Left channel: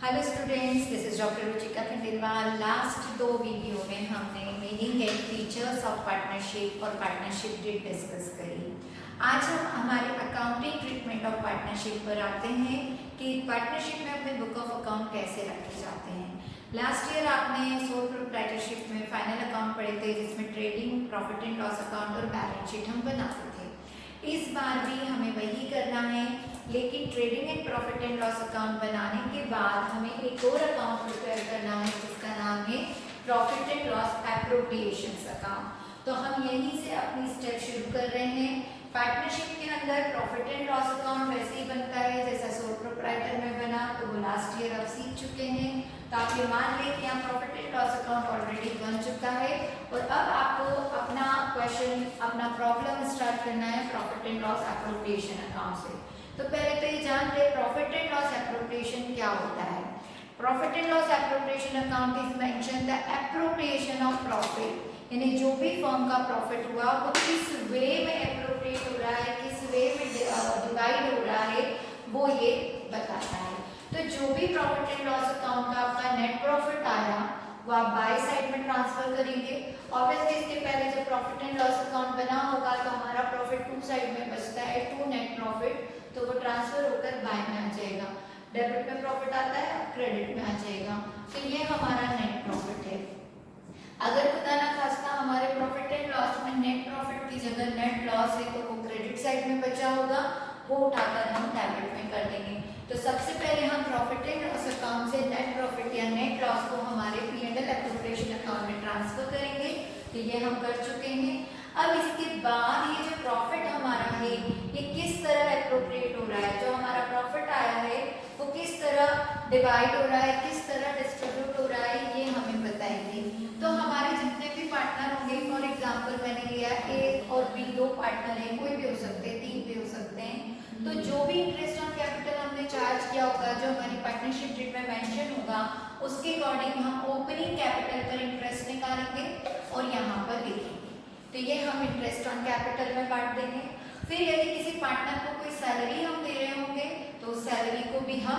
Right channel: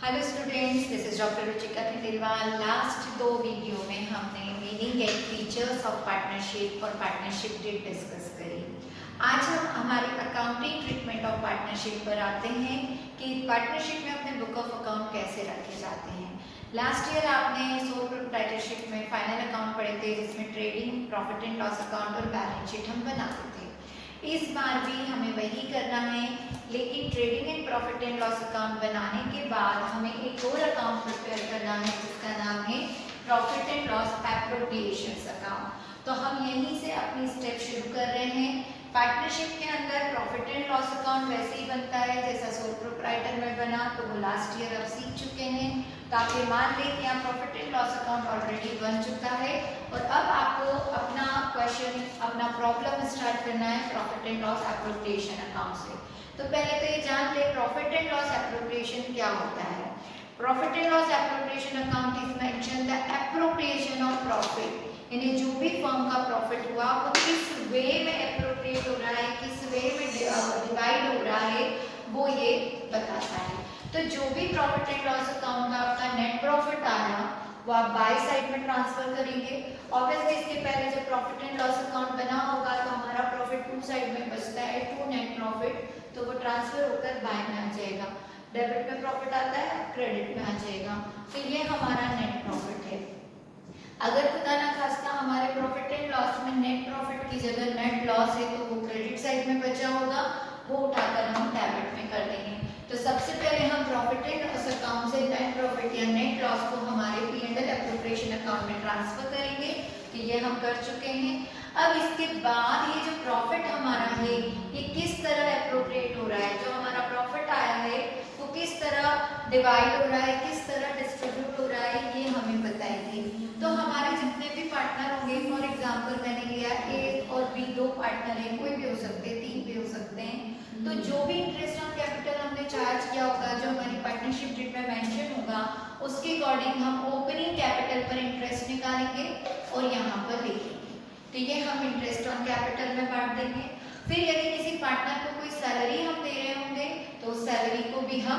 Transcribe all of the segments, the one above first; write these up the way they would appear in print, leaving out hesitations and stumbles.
Hello students, this is doctor Ruchika Khandelwal. Last 2 video में हमने meaning and features of partnership और partnership date discuss करी। आज हम हमारे अकाउंटिंग ट्रीटमेंट ऑफ पार्टनरशिप पर आते हैं कि पार्टनरशिप में अपने बुक ऑफ अकाउंट कैसे रखे जाते हैं। लास्ट ईयर आपने सोल प्रोप्राइटरशिप में फाइनल अकाउंट पढ़े थे, जिसमें trading, profit and loss account और बैलेंस शीट हम बनाते थे। इस बार भी हमें वही करना है, लेकिन trading and profit and loss account बनाने के बाद हमें एक और अकाउंट प्रिपेयर करना है, जिसका नाम है profit and loss appropriations account. तो हम यहीं से अपनी स्टेप शुरू कर रहे हैं। पार्टनरशिप के अंदर प्रॉफिट एंड लॉस अकाउंट वैसे ही बनता है जैसा सोल प्रोप्राइटर में बना, तो वो लास्ट ईयर अब सीख चुके हैं। तो आप ये मान लें कि यहाँ profit and loss account already बन चुका है और अब आपको अपना क्वेश्चन, अपना प्रॉब्लम स्टार्ट करना है profit and loss appropriation account से। तो पहले तो ये जान ले प्रॉफिट एंड लॉस एप्रोप्रिएशन क्या होता है। Profit and loss appropriation account is mention the appropriation of profit, यानी जो भी फर्म का प्रॉफिट हुआ वो किस वे में एप्रोप्रिएट हो रहा है, किस वे में डिवाइड हो रहा है, वो ये बताता है। तो जो भी प्रॉफिट एंड लॉस अकाउंट का आपका नेट प्रॉफिट आया वो आप बाय साइड में ट्रांसफर करेंगे। ऑब्वियसली इसके पहले जब प्रॉफिट एंड लॉस अकाउंट बना होगा तो हमारा प्रॉफिट टू साइड में बचता है, टू नेट प्रॉफिट, तो वो ट्रांसफर होकर बाय में आ जाएगा। डेबिट में प्रॉफिट आता है, क्रेडिट में आ जाएगा। तो ये हमारा नेट प्रॉफिट है। अगर खुदा ना खास्ता हमारे प्रॉफिट एंड लॉस में नेट प्रॉफिट की जगह नेट लॉस है तो वो क्रेडिट साइड में बचा होगा, वो उठाकर हम डेबिट में कर देंगे। तो सबसे पहले हम प्रॉफिट एंड लॉस अकाउंट से नेट प्रॉफिट या नेट लॉस को हमारे P&L एप्रोप्रिएशन अकाउंट में ट्रांसफर करेंगे, कि ये हम कर चुके हैं। अब इसके बाद ये जो प्रॉफिट हमारा है ये किस तरह एप्रोप्रिएट हो रहा है, जो हमारा प्रॉफिट आया है वो किस तरह डिवाइड हो रहा है, किस तरह डिस्ट्रीब्यूट हो रहा है, ये हमें बताएंगे। तो हमारे जितने भी पार्टनर होंगे, फॉर एग्जांपल मैंने लिया ए और बी, दो पार्टनर हैं, कोई भी हो सकते हैं, तीन भी हो सकते हैं। तो जो भी इंटरेस्ट ऑन कैपिटल हमने चार्ज किया होगा, जो हमारी पार्टनरशिप डेट में मेंशन होगा, उसके अकॉर्डिंग हम ओपनिंग कैपिटल पर इंटरेस्ट निकालेंगे और यहाँ पर लिखेंगे। तो ये हम इंटरेस्ट ऑन कैपिटल में बांट देंगे। फिर यदि किसी पार्टनर को कोई सैलरी हम दे रहे होंगे तो उस सैलरी को भी हम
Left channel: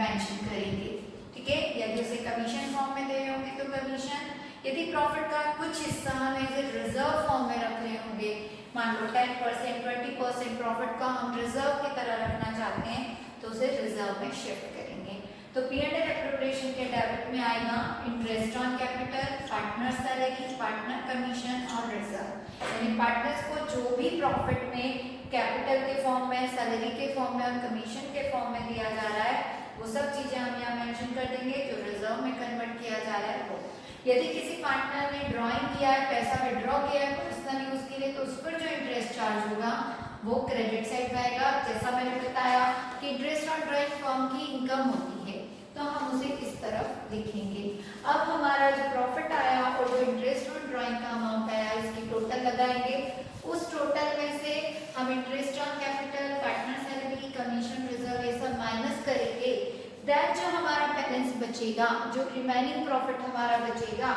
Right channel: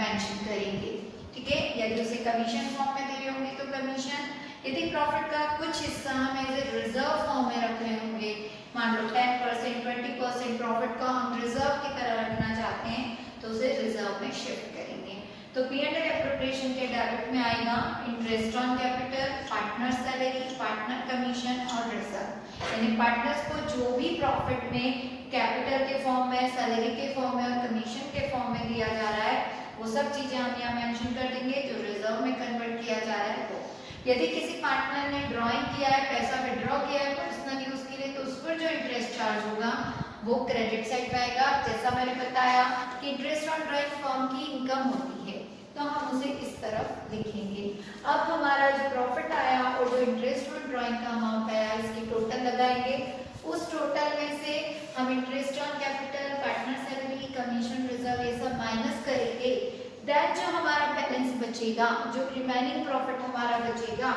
मेंशन करेंगे, ठीक है। यदि उसे कमीशन फॉर्म में दे रहे होंगे तो कमीशन। यदि प्रॉफिट का कुछ हिस्सा हम एज ए रिजर्व फॉर्म में रख रहे होंगे, मान लो 10%, 20% प्रॉफिट का हम रिजर्व की तरह रखना चाहते हैं, तो उसे रिजर्व में शिफ्ट करेंगे। तो P&L एप्रोप्रिएशन के डेबिट में आएगा interest on capital, partner salary, partner commission और रिजर्व। यानी पार्टनर्स को जो भी प्रॉफिट में कैपिटल के फॉर्म में, सैलरी के फॉर्म में और कमीशन के फॉर्म में दिया जा रहा है, वो सब चीजें हम यहाँ मेंशन कर देंगे। जो रिजर्व में कन्वर्ट किया जा रहा है वो। यदि किसी पार्टनर ने ड्रॉइंग किया है, पैसा विड्रॉ किया है पर्सनल यूज के लिए, तो उस पर जो इंटरेस्ट चार्ज होगा वो क्रेडिट साइड में आएगा। जैसा मैंने बताया कि इंटरेस्ट ऑन ड्रॉइंग फर्म की इनकम होती है, तो हम उसे इस तरफ लिखेंगे। अब हमारा जो प्रॉफिट आया और जो इंटरेस्ट ऑन ड्रॉइंग का अमाउंट आया, इसकी टोटल लगाएंगे। उस टोटल में से हम interest on capital, partner salary, commission, reserve ये सब माइनस करेंगे। देन जो हमारा बैलेंस बचेगा, जो रिमेनिंग प्रॉफिट हमारा बचेगा,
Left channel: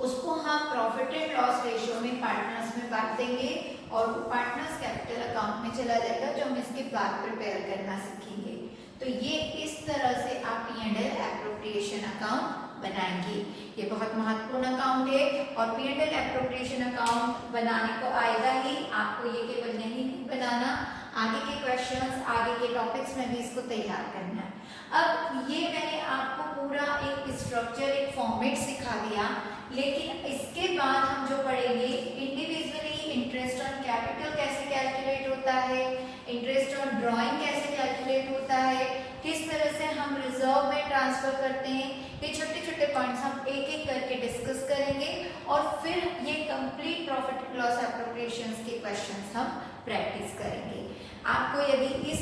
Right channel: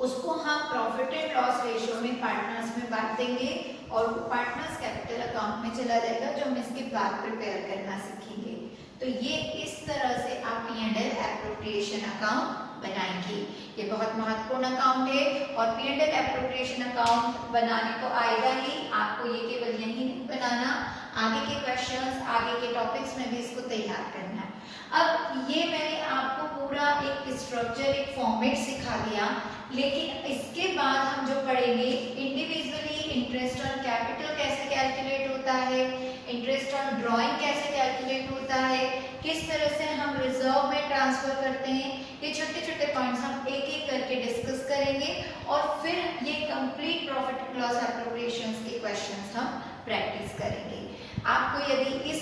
उसको हम प्रॉफिट एंड लॉस रेशियो में पार्टनर्स में बांट देंगे और वो पार्टनर्स कैपिटल अकाउंट में चला जाएगा, जो हम इसके बाद प्रिपेयर करना सीखेंगे। तो ये इस तरह से आप P&L एप्रोप्रिएशन अकाउंट बनाएंगे। ये बहुत महत्वपूर्ण अकाउंट है और P&L एप्रोप्रिएशन अकाउंट बनाने को आएगा ही, आपको ये केवल यही नहीं बनाना, आगे के क्वेश्चंस, आगे के टॉपिक्स में भी इसको तैयार करना है। अब ये मैंने आपको पूरा एक स्ट्रक्चर, एक फॉर्मेट सिखा दिया, लेकिन इसके बाद हम जो पढ़ेंगे इंडिविजुअली इंटरेस्ट ऑन कैपिटल कैसे कैलकुलेट होता है, इंटरेस्ट ऑन ड्रॉइंग कैसे कैलकुलेट होता है, किस तरह से हम रिजर्व में ट्रांसफर करते हैं, ये छोटे छोटे पॉइंट्स हम एक एक करके डिस्कस करेंगे और फिर ये complete profit and loss appropriations के क्वेश्चंस हम प्रैक्टिस करेंगे। आपको यदि इस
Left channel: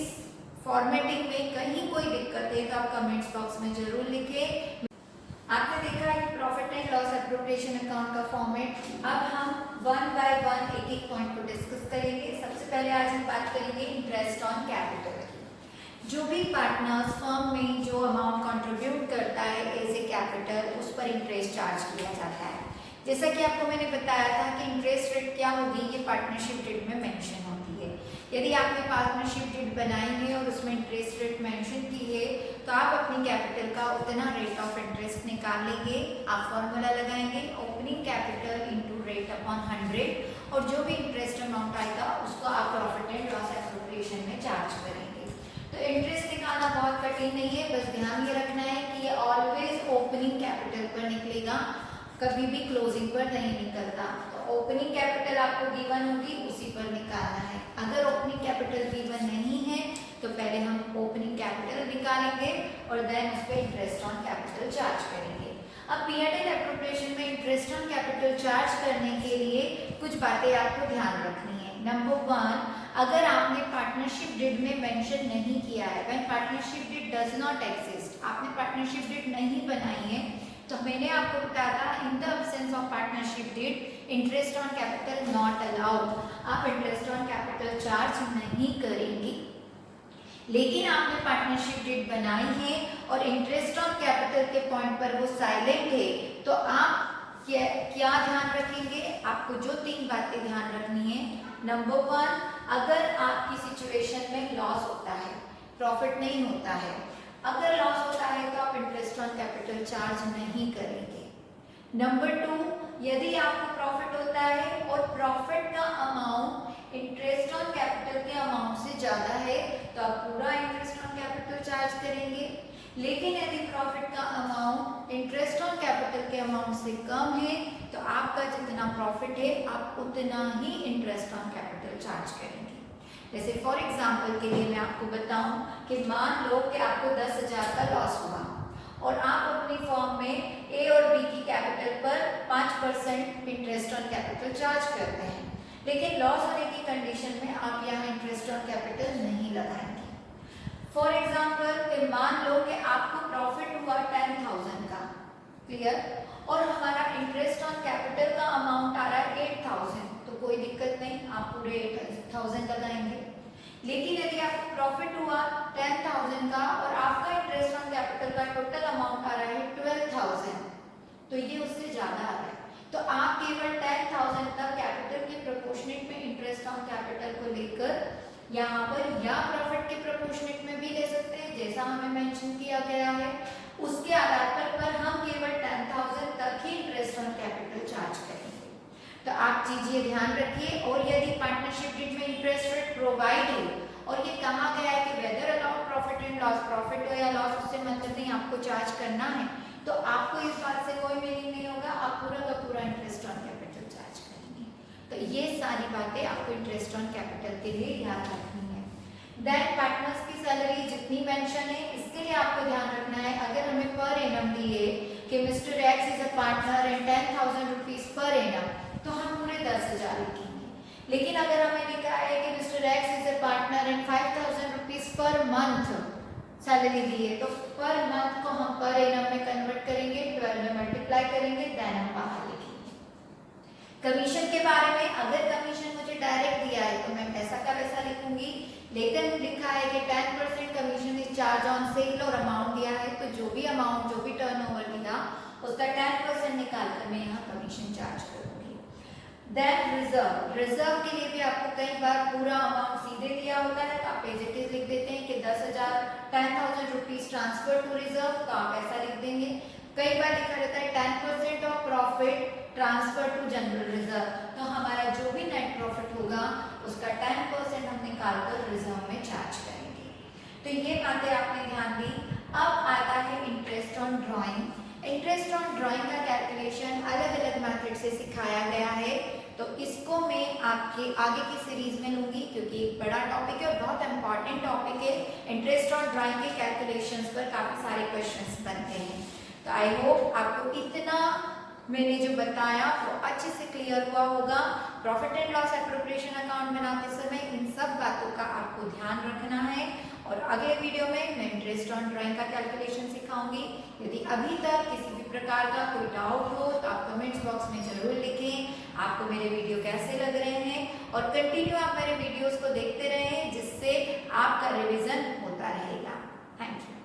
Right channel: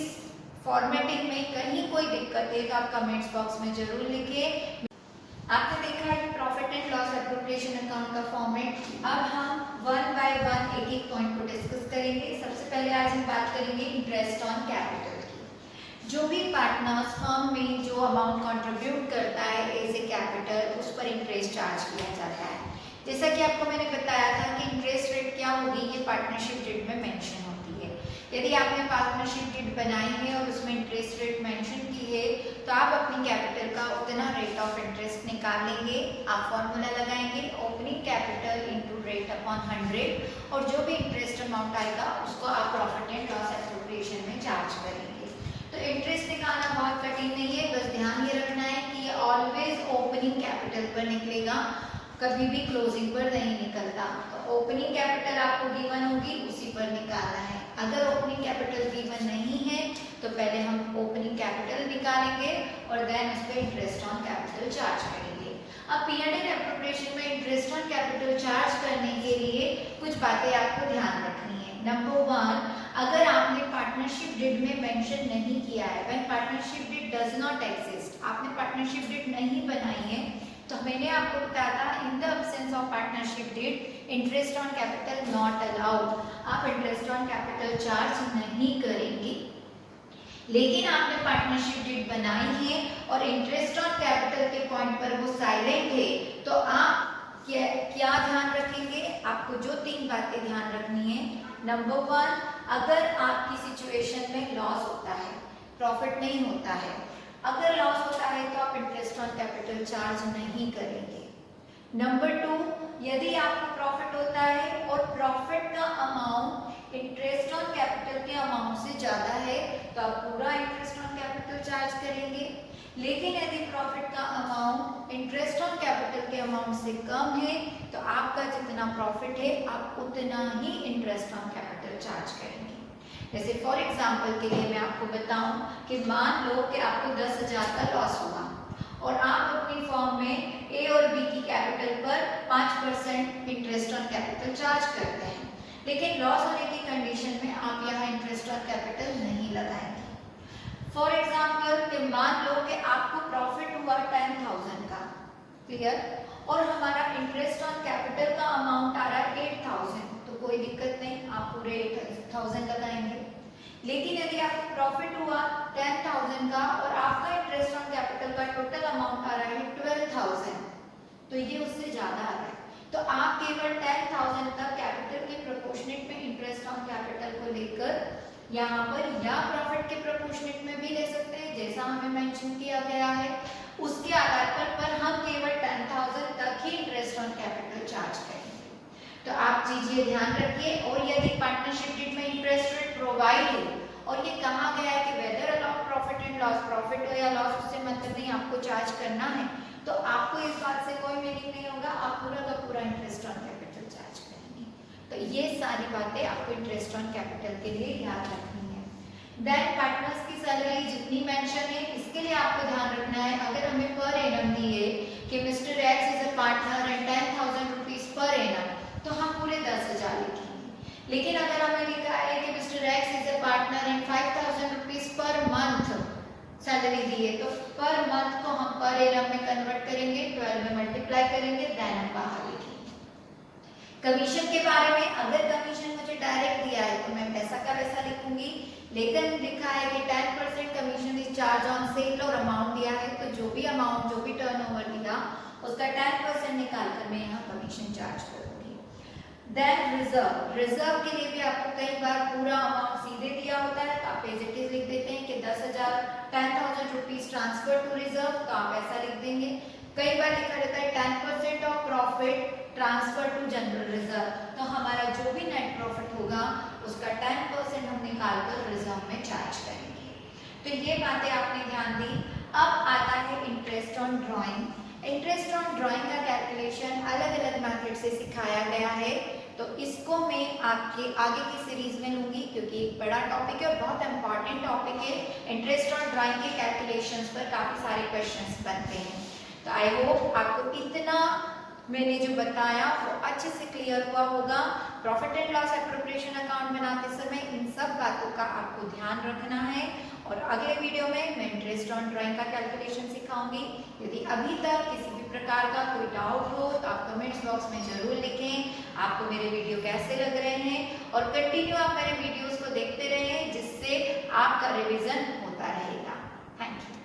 फॉर्मेटिंग में कहीं कोई दिक्कत है तो आप कमेंट्स बॉक्स में जरूर लिखें। आपने देखा है कि profit and loss appropriation account का फॉर्मेट। अब हम वन बाय वन एक एक पॉइंट को डिस्कस करेंगे। सबसे पहले आज हम बात करेंगे इंटरेस्ट ऑन कैपिटल की। जो भी पार्टनर्स फर्म में जो अमाउंट कंट्रीब्यूट करता है एज ए कैपिटल, उस पर इंटरेस्ट चार्ज किया जाता है। जैसा कि आपको मैंने बताया था कि इंटरेस्ट रेट क्या होगी, ये पार्टनरशिप डेट में मेंशन होती है। यदि आपने पार्टनरशिप डीड बनाई है और उसमें इंटरेस्ट रेट मेंशन की है तो आप अपनी कैपिटल का उतना रेट ऑफ इंटरेस्ट निकाल लेंगे। आप फॉर्मूला लगाएंगे opening capital into rate upon 100 और जो भी इंटरेस्ट अमाउंट आएगा उसको आप प्रॉफिट एंड लॉस एप्रोप्रिएशन में चार्ज करेंगे। तो इंटरेस्ट निकालना बहुत कठिन नहीं है, बस ध्यान ये रखना है कि ये ऑलवेज ओपनिंग कैपिटल पर निकलेगा, कभी भी क्लोजिंग पर नहीं निकलता। तो ओपनिंग कैपिटल आपको गिवन होगी उसी पर निकालना है। अगर ओपनिंग कैपिटल गिवन नहीं है तो पहले हम ओपनिंग कैपिटल निकालेंगे और देन उस पर इंटरेस्ट ऑन कैपिटल चार्ज करेंगे। अब P&L एप्रोप्रिएशन में इंटरेस्ट ऑन कैपिटल चार्ज करने के लिए कुछ बातें आपको ध्यान रखनी है। नंबर 1, अगर आपने पार्टनरशिप डीड में मेंशन नहीं किया है, when partnership deed does not exist, आपने पार्टनरशिप डीड नहीं बनाई है, तो मैंने आपको बताया था in the absence of partnership deed interest on capital not allowed, आप इंटरेस्ट ऑन कैपिटल चार्ज नहीं करेंगे। लेकिन आपने पार्टनरशिप डीड बनाई है और इंटरेस्ट ऑन कैपिटल के पॉइंट पर वो साइलेंट है, तो आप क्या ध्यान रखेंगे? आपको जो 3 बातें ध्यान रखनी है। नंबर 1, अगर आपकी सिचुएशन में लॉस होता है, प्रॉफिट नहीं होता है, अगर लॉस होता है तो आप इंटरेस्ट ऑन कैपिटल चार्ज नहीं करेंगे। नंबर 2, यदि आपको प्रॉफिट होता है और प्रॉफिट का अमाउंट इंटरेस्ट ऑन कैपिटल के अमाउंट से ज्यादा है तो आप पूरा इंटरेस्ट ऑन कैपिटल चार्ज करेंगे। लेकिन यदि प्रॉफिट का अमाउंट इंटरेस्ट ऑन कैपिटल के अमाउंट से कम है तो आपका जितना प्रॉफिट है आप उतना ही इंटरेस्ट ऑन कैपिटल चार्ज करेंगे। जैसे फॉर एग्जांपल के लिए मैं आपको बताऊं कि मान लो कि आपको 10,000 का लॉस हुआ और आप अपनी फॉर्म में ए और बी की कैपिटल पर 5% इंटरेस्ट ऑन कैपिटल चार्ज करते हैं, लेकिन लॉस होने की कंडीशन में आप यहाँ इंटरेस्ट ऑन कैपिटल नहीं लगाएंगे। फॉर एग्जाम्पल मान लो कि आपको प्रॉफिट हुआ 10,000 का, क्लियर, और हमारा इंटरेस्ट ऑन कैपिटल का अमाउंट आ रहा है 8,000, तो कोई दिक्कत नहीं, आप पूरे 8,000 लगाएंगे। लेकिन यदि आपको प्रॉफिट हुआ 10,000 का और आपका इंटरेस्ट ऑन कैपिटल का टोटल अमाउंट आ रहा है 12,000, तो ये उससे ज्यादा आ रहा है, तो आप केवल 10,000 तक कैपिटल के प्रोपोर्शनेट में इंटरेस्ट ऑन कैपिटल को लेकर यहाँ पर या प्रॉफिट के प्रोपोर्शनेट में भी ले सकते हैं जैसा हमें मेंशन किया गया है। उसके आधार पर हम केवल 10,000 तक ही इंटरेस्ट ऑन कैपिटल चार्ज करेंगे। तो आप चीजें ध्यान रखिए। और यदि पार्टनरशिप डीड में इंटरेस्ट रेट प्रोवाइड हो और ये कहा गया है कि whether allowed profit and loss, profit हो या लॉस उससे मतलब नहीं, आपको चार्ज करना है, तो आपको इस बात से कोई मीनिंग नहीं होगा, आप पूरा का पूरा इंटरेस्ट ऑन कैपिटल चार्ज करेंगे। तो ये सारी बातें आपको इंटरेस्ट ऑन कैपिटल के लिए याद रखनी है। देन पार्टनर्स की सैलरी जितनी मेंशन है इसके लिए आपको ध्यान रखना है, अगर हमें पर एनम दिए कि mister X is a partner and 10,000 rupees per annum, तो हम पूरे 10,000 लिखेंगे। लेकिन अगर हमें लिखा है कि mister X is a partner and 5,000 rupees per month salary दी है, तो पर मंथ को हम पर एनम में कन्वर्ट करेंगे, 12 में मल्टीप्लाई करेंगे, देन हम बाहर लिखेंगे। कमीशन के बारे में, अगर कमीशन मुझे डायरेक्ट दिया है तो मैं पैसा का वैसा लिखूंगी, लेकिन लिखा है कि 10% commission is charge on sale और अमाउंट दिया है, तो जो भी अमाउंट, जो भी टर्नओवर दिया उसका 10% निकाल कर मैं यहाँ कमीशन चार्ज करूंगी। देन रिजर्व, रिजर्व के लिए भी आपको कई बार पूरा अमाउंट सीधे दिया होता है तो आप एज इट इज लिख देते हैं कि 10,000 रुपीज ट्रांसफर टू रिजर्व, तो आप ऐसा लिख देंगे। कई बार लिखा रहता है 10% of profit transfer to general reserve, तो हमारा जो भी नेट प्रॉफिट होगा उसका 10% हम निकाल कर रिजर्व में चार्ज करेंगे। तो ये बातें आपने ध्यान दी। अब आता है interest on drawing. Interest on drawing का कैलकुलेशन अलग अलग मेथड से सिखाया गया है, तो इसको मैं आपके आगे की सीरीज में लूंगी क्योंकि एक बड़ा टॉपिक है और बहुत इंपॉर्टेंट टॉपिक है। इंटरेस्ट ऑन ड्राइंग के कैलकुलेशंस पर काफी सारे क्वेश्चंस बनते हैं, तो आई होप आपको इतना मैंने जो बताया वो अच्छे से क्लियर हुआ होगा। Profit and loss appropriation account बनाते समय इन सब बातों का आपको ध्यान रखना है। और अगले वीडियो में मैं इंटरेस्ट ऑन ड्राइंग का कैलकुलेशन सिखाऊंगी। यदि अभी तक किसी भी प्रकार का कोई डाउट हो तो आप कमेंट्स बॉक्स में जरूर लिखें। आपको मेरे वीडियो कैसे लग रहे हैं और कंटिन्यू आप मेरे वीडियोस को देखते रहें जिससे आपका रिवीजन होता रहेगा। Thank you.